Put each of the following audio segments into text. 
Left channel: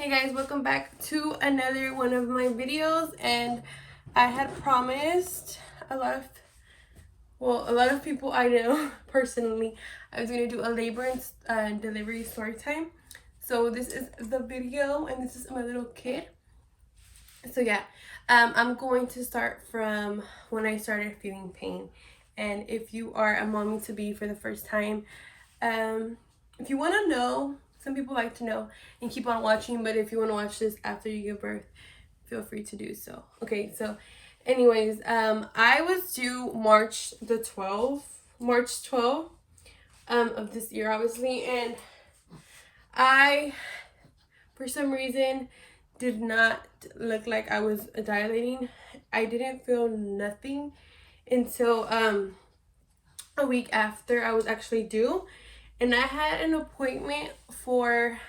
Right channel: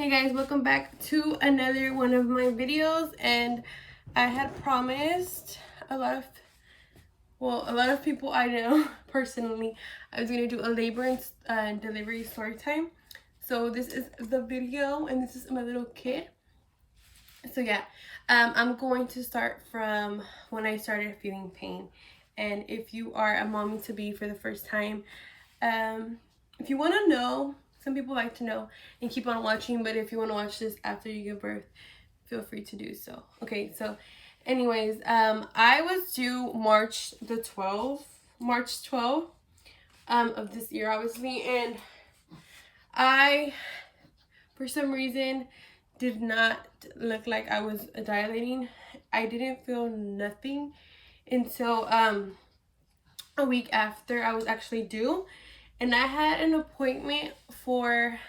Hey guys, welcome back to another one of my videos. And I had promised a lot of people I know personally I was going to do a labor and delivery story time. So this is the video and this is my little kid. So yeah, I'm going to start from when I started feeling pain. And if you are a mommy to be for the first time, if you want to know, some people like to know and keep on watching, but if you want to watch this after you give birth, feel free to do so. Okay, so anyways, I was due March 12th of this year, obviously, and I, for some reason, did not look like I was dilating. I didn't feel nothing until a week after I was actually due, and I had an appointment for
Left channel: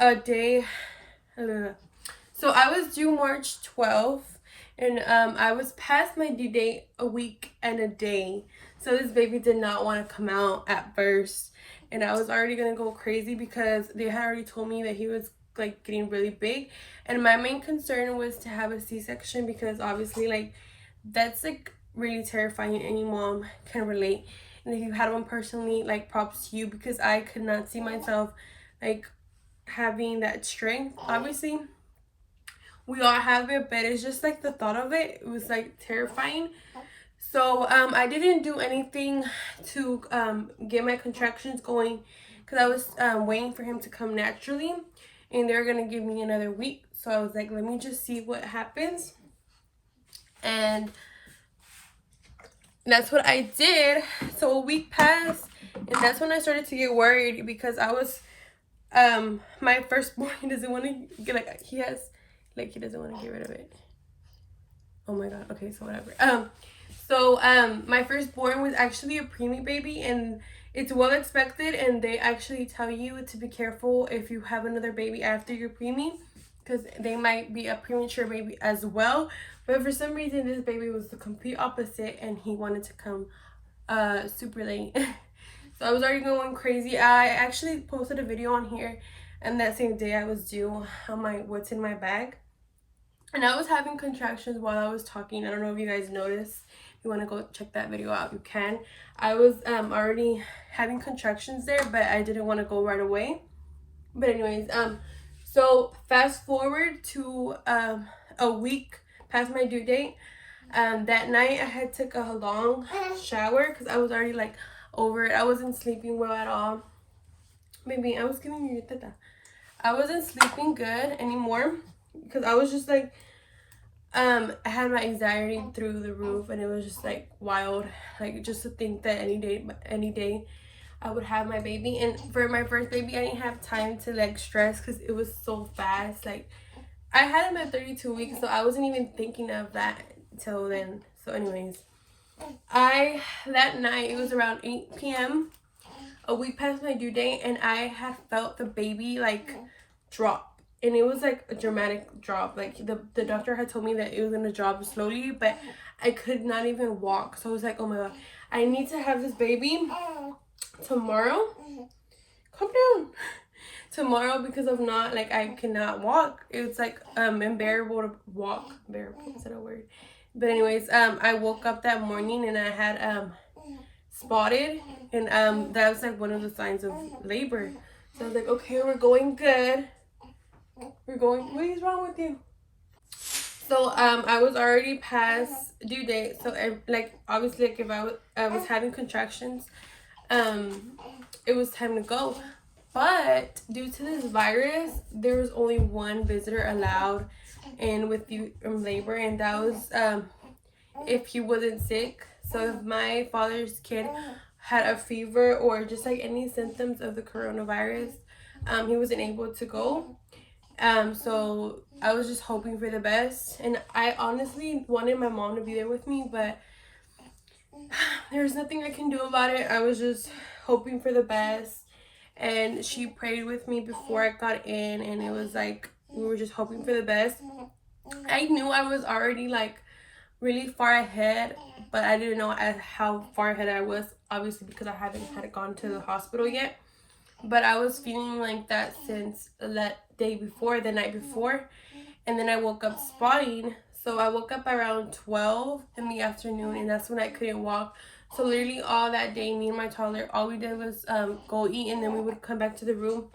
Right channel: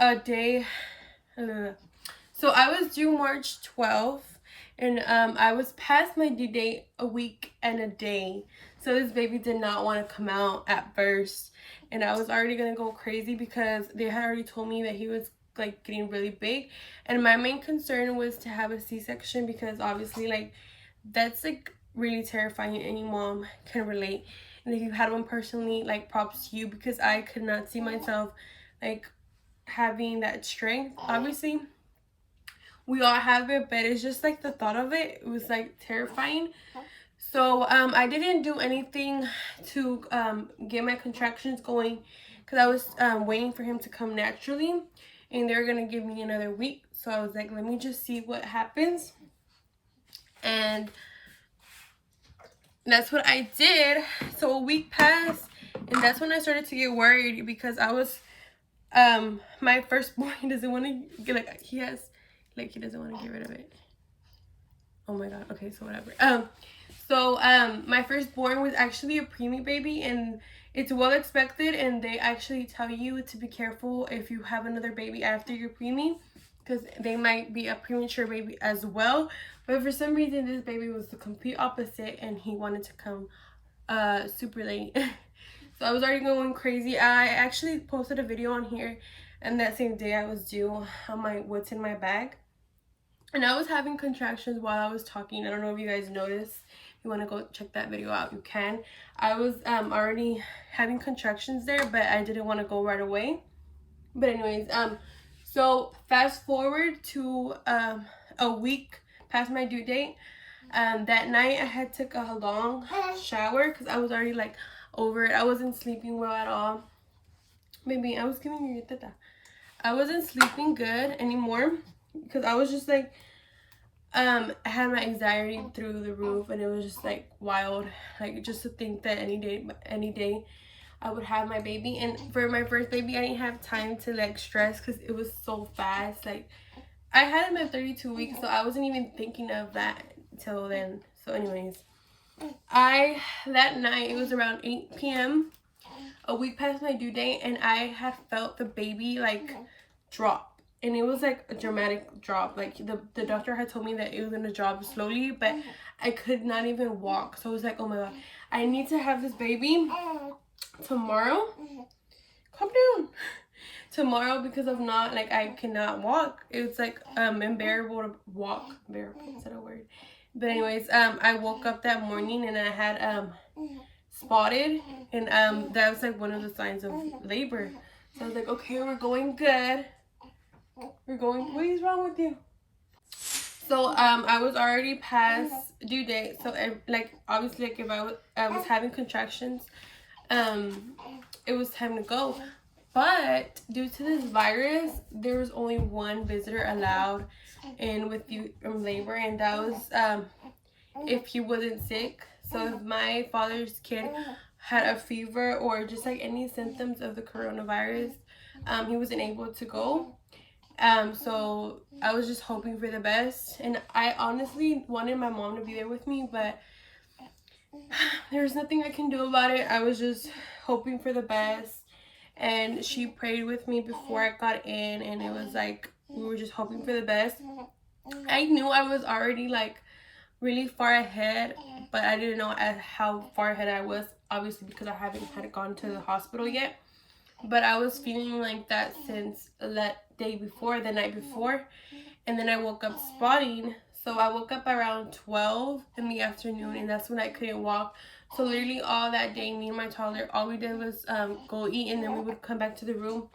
a day. So I was due March 12th, and I was past my due date a week and a day. So this baby did not want to come out at first, and I was already gonna go crazy because they had already told me that he was like getting really big, and my main concern was to have a C-section because obviously like that's like really terrifying. Any mom can relate, and if you had one personally, like props to you, because I could not see myself like having that strength. Obviously we all have it, but it's just like the thought of it was like terrifying. So I didn't do anything to get my contractions going because I was waiting for him to come naturally, and they're gonna give me another week. So I was like, let me just see what happens, and that's what I did. So a week passed, and that's when I started to get worried because I was my firstborn, he doesn't want to get, like, he doesn't want to get rid of it. Oh my god. Okay, so whatever. My firstborn was actually a preemie baby, and it's well expected, and they actually tell you to be careful if you have another baby after your preemie, because they might be a premature baby as well. But for some reason this baby was the complete opposite, and he wanted to come super late. So I was already going crazy. I actually posted a video on here, and that same day I was due on my what's in my bag, and I was having contractions while I was talking. I don't know if you guys noticed. If you want to go check that video out, you can. I was already having contractions there, but I didn't want to go right away. But anyways, so fast forward to a week past my due date. That night I had took a long shower because I was already like over it. I wasn't sleeping well at all. Maybe I was giving you your teta. I wasn't sleeping good anymore because I was just like I had my anxiety through the roof, and it was just like wild, like just to think that any day I would have my baby. And for my first baby I didn't have time to like stress because it was so fast. Like I had him at 32 weeks, so I wasn't even thinking of that till then. So anyways, that night, it was around 8 p.m, a week past my due date, and I had felt the baby like drop, and it was like a dramatic drop. Like the doctor had told me that it was gonna drop slowly, but I could not even walk. So I was like, oh my god, I need to have this baby tomorrow. Calm down. Tomorrow, because if not, like I cannot walk. It's like unbearable to walk. Bearable, is that a word? But anyways, I woke up that morning and I had spotted, and that was like one of the signs of labor. So I was like, okay, we're going good. What is wrong with you? So I was already past due date. So like obviously, like if I was having contractions, it was time to go. But due to this virus, there was only one visitor allowed in with you from labor, and that was if he wasn't sick. So if my father's kid had a fever or just like any symptoms of the coronavirus, he wasn't able to go. So I was just hoping for the best, and I honestly wanted my mom to be there with me, but there's nothing I can do about it. I was just hoping for the best, and she prayed with me before I got in, and it was like we were just hoping for the best. I knew I was already like really far ahead, but I didn't know how far ahead I was, obviously because I hadn't gone to the hospital yet. But I was feeling like that since the night before, and then I woke up spotting. So I woke up around 12 in the afternoon, and that's when I couldn't walk. So literally all that day, me and my toddler, all we did was go eat, and then we would come back to the room,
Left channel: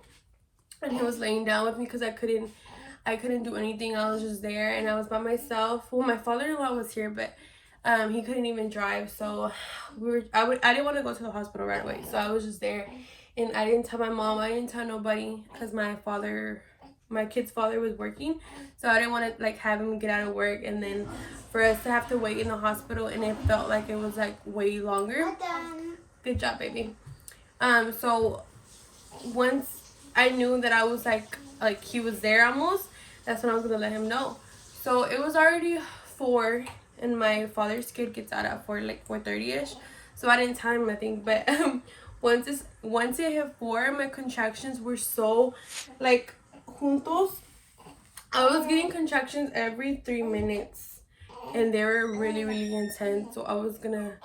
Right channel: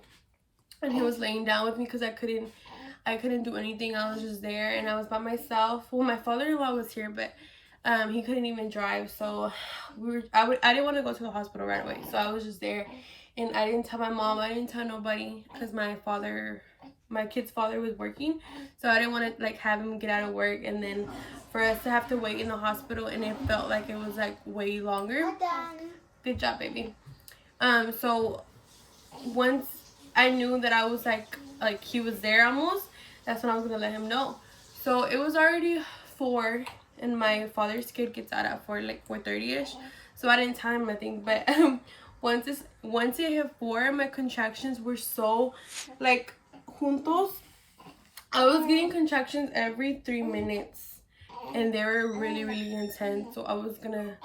and he was laying down with me because I couldn't do anything. I was just there, and I was by myself. Well, my father-in-law was here, but he couldn't even drive, so I didn't want to go to the hospital right away, so I was just there, and I didn't tell my mom, I didn't tell nobody, because my kid's father was working, so I didn't want to like have him get out of work and then for us to have to wait in the hospital, and it felt like it was like way longer. Good job, baby. So once I knew that I was like he was there almost, that's when I was gonna let him know. So it was already 4, and my father's kid gets out at 4:30ish, so I didn't tell him nothing. But once it hit 4, my contractions were so like juntos. I was getting contractions every 3 minutes, and they were really, really intense. So I was gonna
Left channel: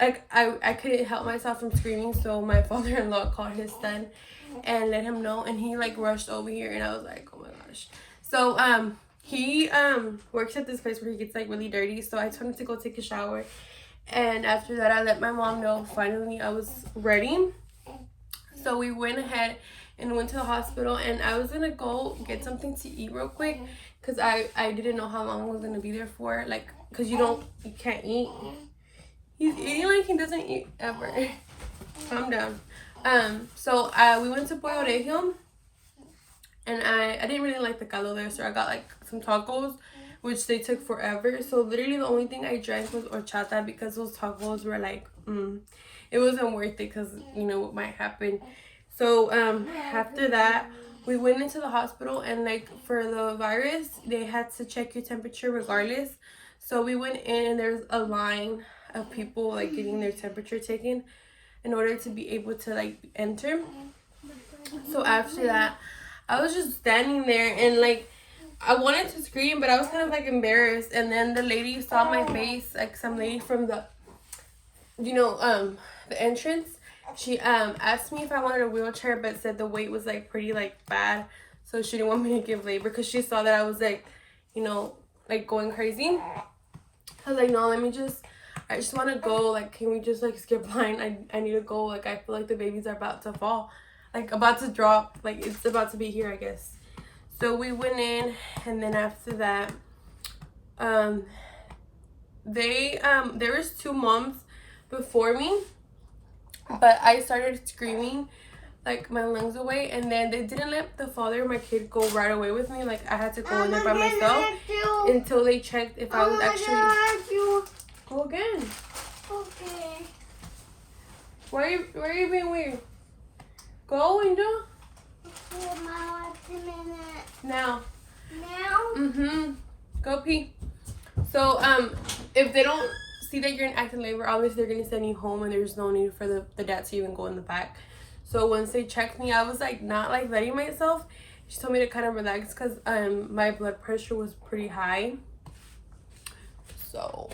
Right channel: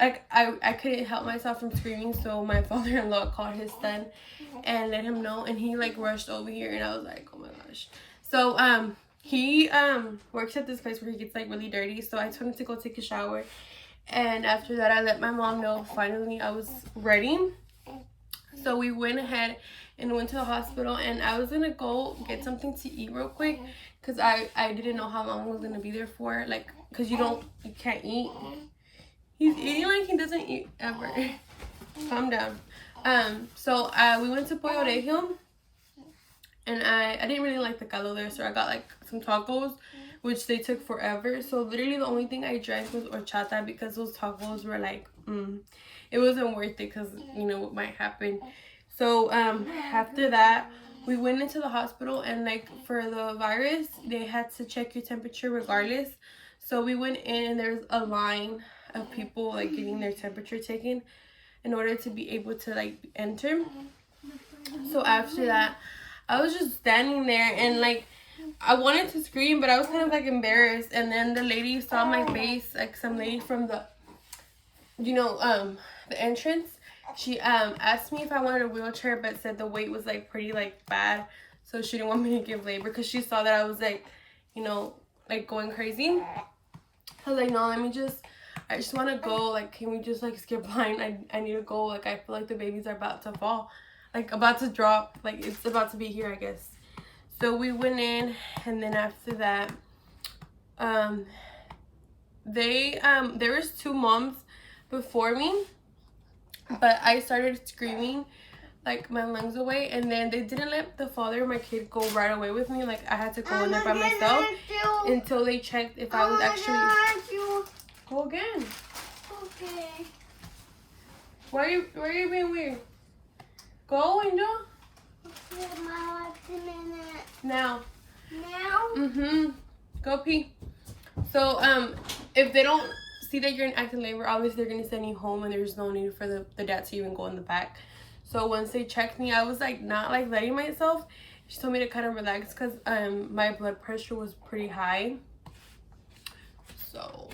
I couldn't help myself from screaming, so my father-in-law called his son and let him know, and he like rushed over here, and I was like, oh my gosh. So he works at this place where he gets like really dirty, so I told him to go take a shower, and after that I let my mom know finally I was ready. So we went ahead and went to the hospital, and I was gonna go get something to eat real quick because I didn't know how long I was gonna be there for, like, because you can't eat. He's eating like he doesn't eat ever. Calm down. So we went to Pollo Regio, and I didn't really like the caldo there, so I got like some tacos, which they took forever. So literally the only thing I drank was horchata because those tacos were like, it wasn't worth it because you know what might happen. So after that, we went into the hospital, and like for the virus, they had to check your temperature regardless. So we went in, and there's a line of people like getting their temperature taken in order to be able to like enter. So after that, I was just standing there, and like I wanted to scream, but I was kind of like embarrassed. And then the lady saw my face, like some lady from the the entrance. She asked me if I wanted a wheelchair, but said the wait was like pretty like bad, so she didn't want me to give labor because she saw that I was like like going crazy. I was like, no, I just want to go. Like, can we just like skip line? I need to go. Like, I feel like the babies are about to fall, like about to drop, like it's about to be here, I guess. So we went in, and then after that, there was 2 moms before me, but I started screaming like my lungs away, and then they didn't let the father of my kid go right away with me. Like, I had to go in there by myself until they checked if I was actually. Go again. Okay. Why are you being weird? Go and do. Okay, Mama, 2 minutes. Now. Now? Go pee. So if they don't see that you're in active labor, obviously they're gonna send you home, and there's no need for the dad to even go in the back. So once they checked me, I was like not like letting myself. She told me to kind of relax because my blood pressure was pretty high. So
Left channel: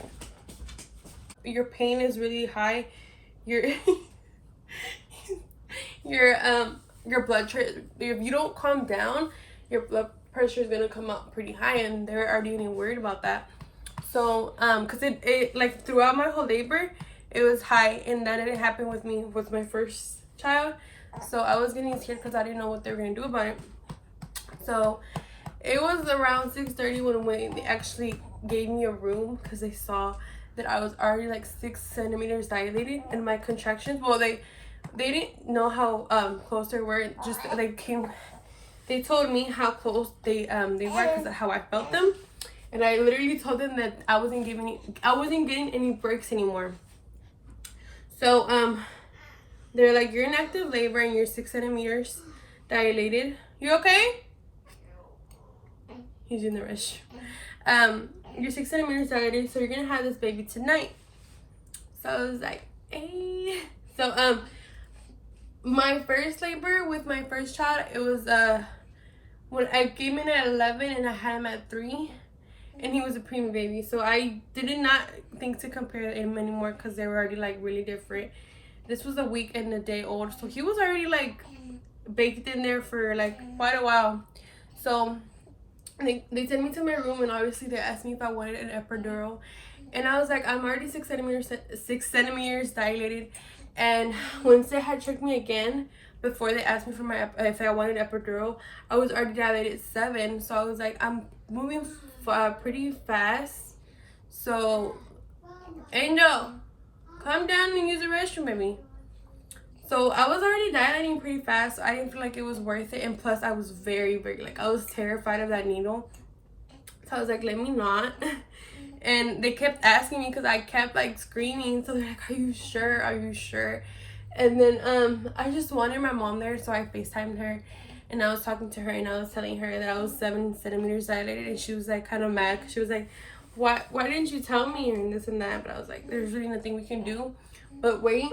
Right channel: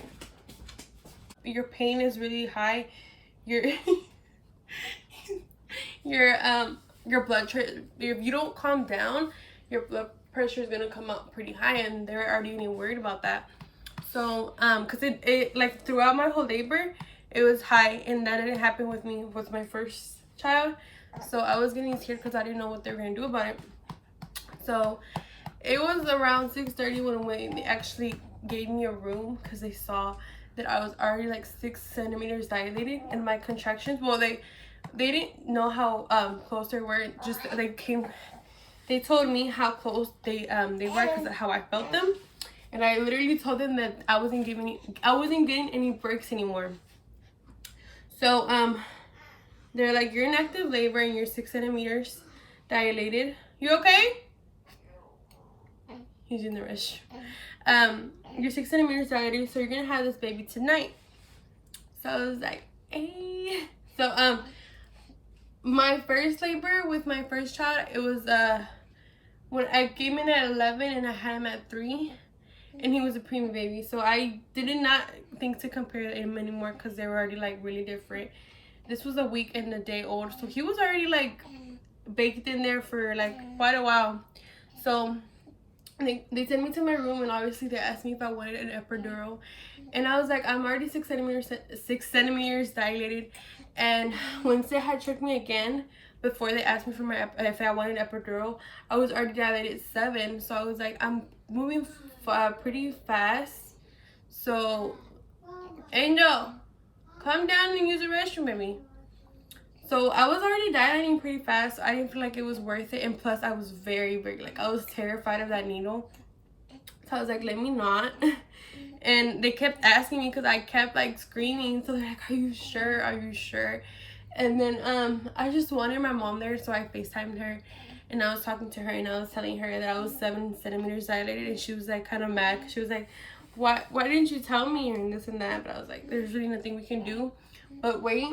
your pain is really high. Your your blood pressure, if you don't calm down, your blood pressure is gonna come up pretty high, and they're already getting worried about that. So because it like throughout my whole labor it was high, and that didn't happen with me with my first child. So I was getting scared because I didn't know what they were gonna do about it. So it was around 6:30 when they actually gave me a room because they saw that I was already like 6 centimeters dilated in my contractions. Well, they didn't know how close they were. Just they told me how close they were because of how I felt them, and I literally told them that I wasn't getting any breaks anymore. So they're like, you're in active labor and you're 6 centimeters dilated. You okay? He's in the restroom. You're 6 centimeters dilated, so you're gonna have this baby tonight. So I was like, hey. So my first labor with my first child, it was when I came in at 11 and I had him at 3, and he was a preemie baby. So I did not think to compare him anymore because they were already like really different. This was a week and a day old, so he was already like baked in there for like quite a while. So they sent me to my room, and obviously they asked me if I wanted an epidural, and I was like, I'm already 6 centimeters dilated. And once they had checked me again before they asked me for my if I wanted an epidural, I was already dilated 7. So I was like, I'm moving pretty fast. So Angel, come down and use the restroom, baby. So I was already dilating pretty fast. So I didn't feel like it was worth it, and plus I was very like, I was terrified of that needle. So I was like, let me not. And they kept asking me because I kept like screaming. So they're like, are you sure? Are you sure? And then I just wanted my mom there, so I FaceTimed her, and I was talking to her, and I was telling her that I was 7 centimeters dilated, and she was like kind of mad. She was like, why didn't you tell me, and this and that? But I was like, there's really nothing we can do. But wait.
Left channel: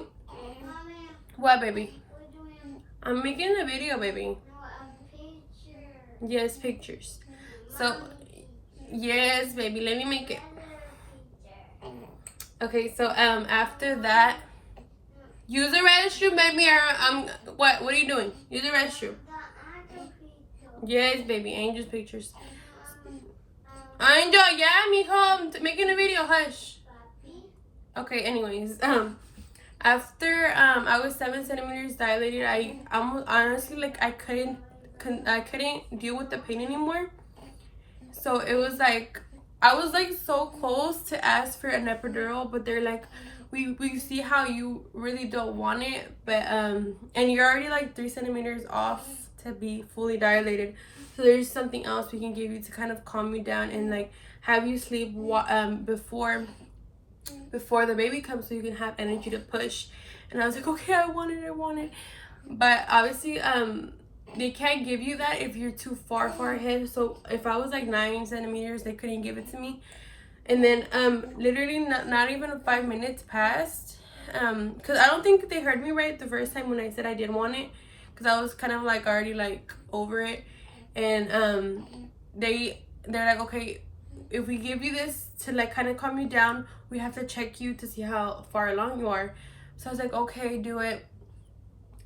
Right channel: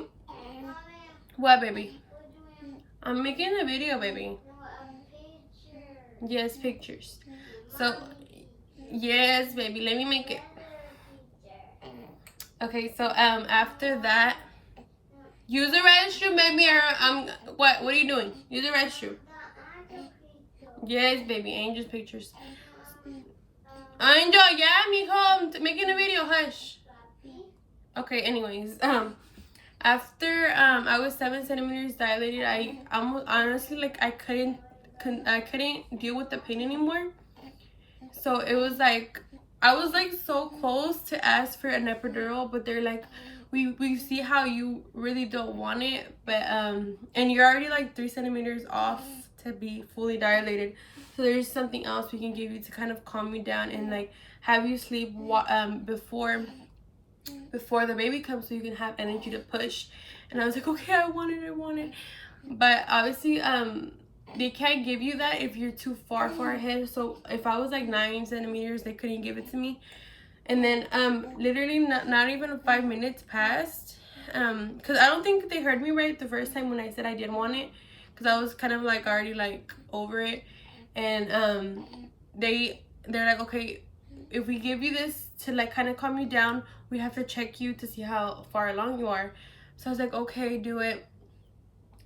What, baby? I'm making a video, baby. Yes, pictures. So yes, baby, let me make it. Okay, so after that, use the restroom, baby. What are you doing? Use the restroom. Yes, baby, Angel's pictures. Angel, yeah, mijo, I'm making a video. Hush. Okay, anyways, after I was 7 centimeters dilated, I almost honestly like I couldn't deal with the pain anymore. So it was like I was like so close to ask for an epidural, but they're like, we see how you really don't want it, but and you're already like 3 centimeters off to be fully dilated. So there's something else we can give you to kind of calm you down and like have you sleep before the baby comes, so you can have energy to push. And I was like, okay, I want it. But obviously they can't give you that if you're too far ahead. So if I was like 9 centimeters, they couldn't give it to me. And then literally not even 5 minutes passed, because I don't think they heard me right the first time when I said I did want it, because I was kind of like already like over it. And they're like, okay, if we give you this to like kind of calm you down, we have to check you to see how far along you are. So I was like, okay, do it.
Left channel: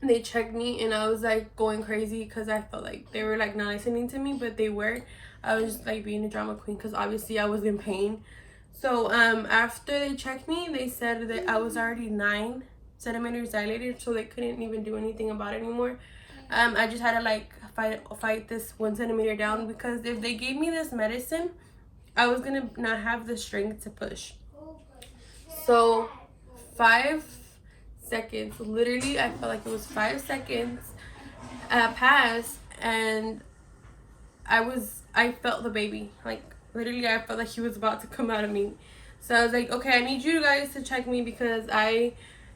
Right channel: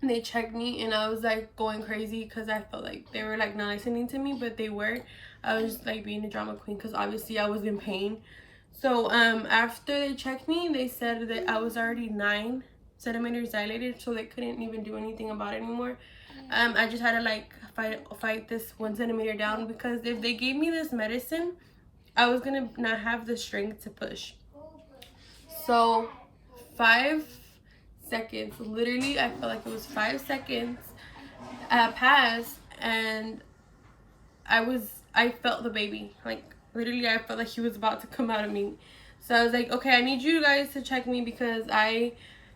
They checked me, and I was like going crazy because I felt like they were like not listening to me, but they were. I was just like being a drama queen because obviously I was in pain. So after they checked me, they said that I was already 9 centimeters dilated, so they couldn't even do anything about it anymore. I just had to like fight this 1 centimeter down, because if they gave me this medicine, I was gonna not have the strength to push. So 5 seconds, literally I felt like it was 5 seconds passed, and I felt the baby, like literally I felt like he was about to come out of me. So I was like, okay, I need you guys to check me, because I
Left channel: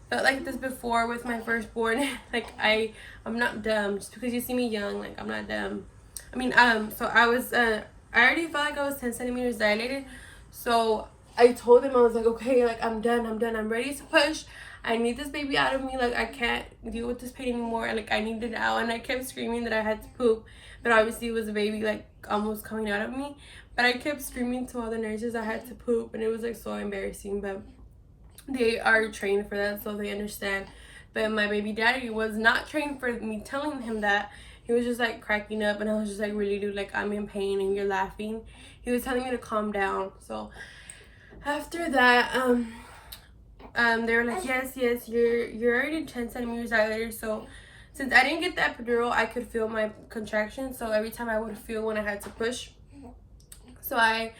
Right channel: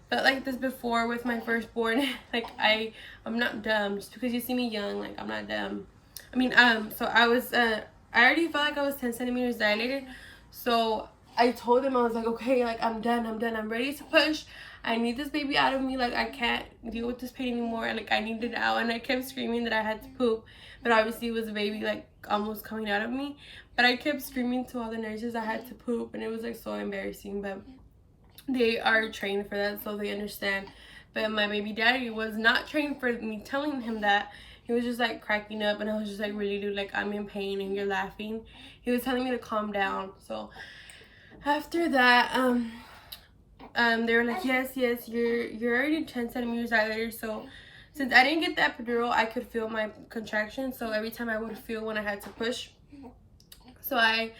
felt like this before with my firstborn. Like I'm not dumb. Just because you see me young, like I'm not dumb. I mean, so I already felt like I was 10 centimeters dilated. So I told him, I was like, okay, like I'm done, I'm ready to push. I need this baby out of me. Like I can't deal with this pain anymore. Like I need it out. And I kept screaming that I had to poop, but obviously it was a baby like almost coming out of me. But I kept screaming to all the nurses I had to poop, and it was like so embarrassing. But they are trained for that, so they understand. But my baby daddy was not trained for me telling him that. He was just like cracking up, and I was just like, really, dude, like I'm in pain and you're laughing. He was telling me to calm down. So after that, they were like, yes, you're already 10 centimeters dilated. So since I didn't get the epidural, I could feel my contractions. So every time I would feel when I had to push. So I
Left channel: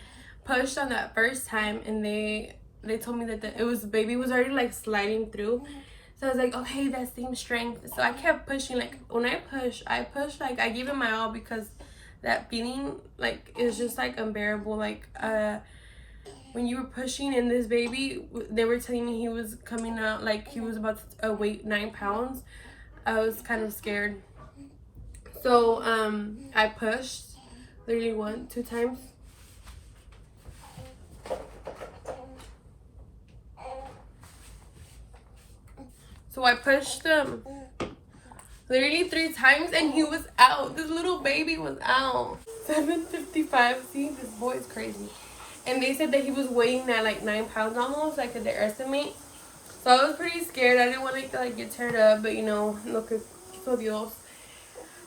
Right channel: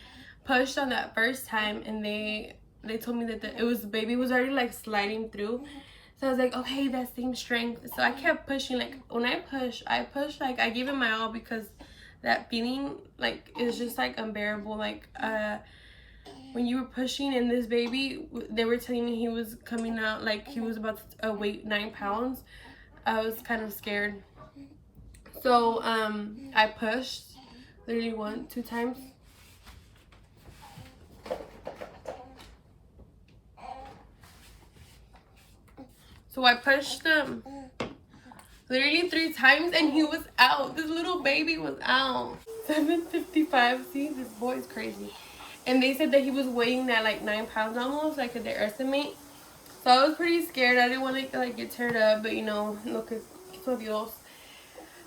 pushed on that first time, and they told me that the baby was already like sliding through. So I was like, okay, that same strength. So I kept pushing. Like when I push like I give it my all, because that feeling like is just like unbearable. Like when you were pushing in this baby, they were telling me he was coming out like he was about to weigh 9 pounds. I was kind of scared. So I pushed literally 1-2 times. So I pushed him literally 3 times, and he was out. This little baby was out. 7:55. See, this boy is crazy. And they said that he was weighing at like 9 pounds almost, like their estimate. So I was pretty scared. I didn't want to like get teared up, but you know, lo que quiso Dios.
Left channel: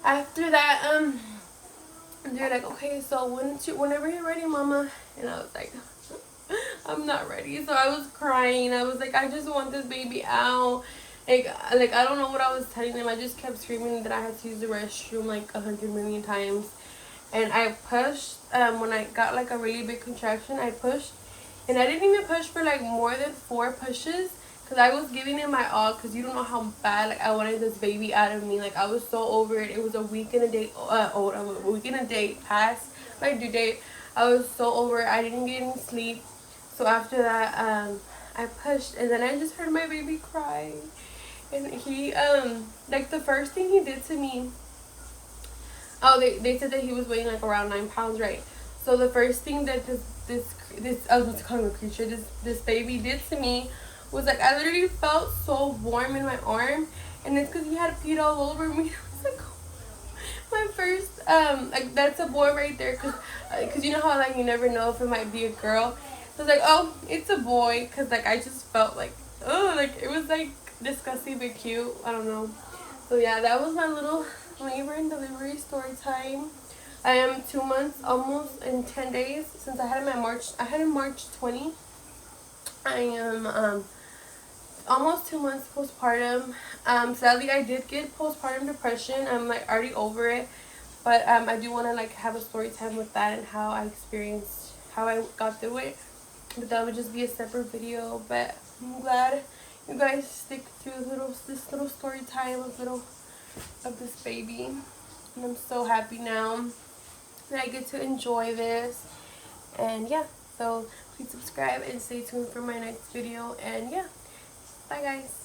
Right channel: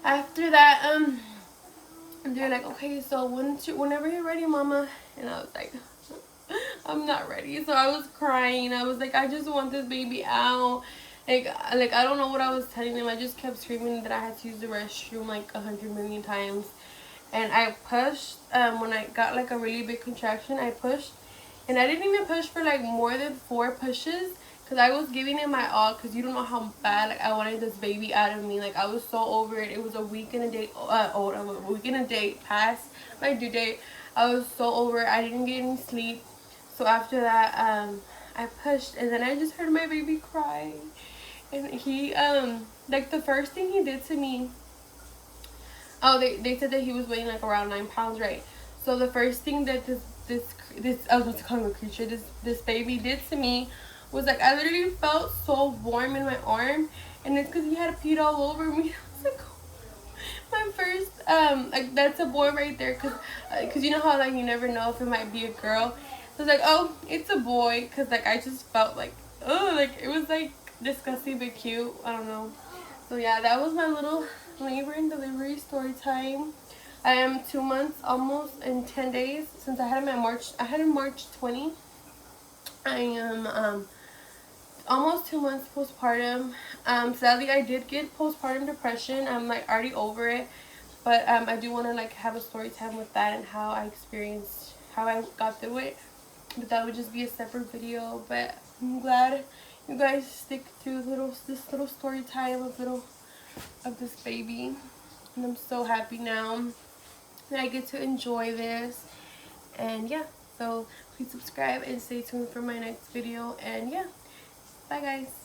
After that, And they're like, okay, so whenever you're ready, mama. And I was like, I'm not ready. So I was crying. I was like, I just want this baby out. Like I don't know what I was telling them. I just kept screaming that I had to use the restroom like 100 million times. And I pushed, when I got like a really big contraction, I pushed. And I didn't even push for like more than 4 pushes. Because I was giving it my all. Because you don't know how bad like I wanted this baby out of me. Like I was so over it. It was a week and a day old. A week and a day past my due date. I was so over it. I didn't get any sleep. So after that, I pushed. And then I just heard my baby cry. And he, like the first thing he did to me. Oh, they said that he was weighing like around 9 pounds, right? So the first thing that this I was about to call him a creature, this baby did to me was like I literally felt so warm in my arm, and it's because he had peed all over me. I was like, oh, my first like that's a boy right there, cause you know how like you never know if it might be a girl. So I was like, oh, it's a boy, cause like I just felt like, oh, like it was like disgusting but cute. I don't know. So yeah, that was my little labor and delivery story time. I am 2 months almost in 10 days since I had him in March 20. I am almost 2 months postpartum. Sadly I did get postpartum depression. I'm like already over it. But I do want to like have a story time with that and how I got through it. But that would just be a separate video. But I'm glad you guys stick through this little story time of this baby. And I'm so happy now that I get to enjoy this. And yeah, so please subscribe and stay tuned for my next video. And yeah, bye guys.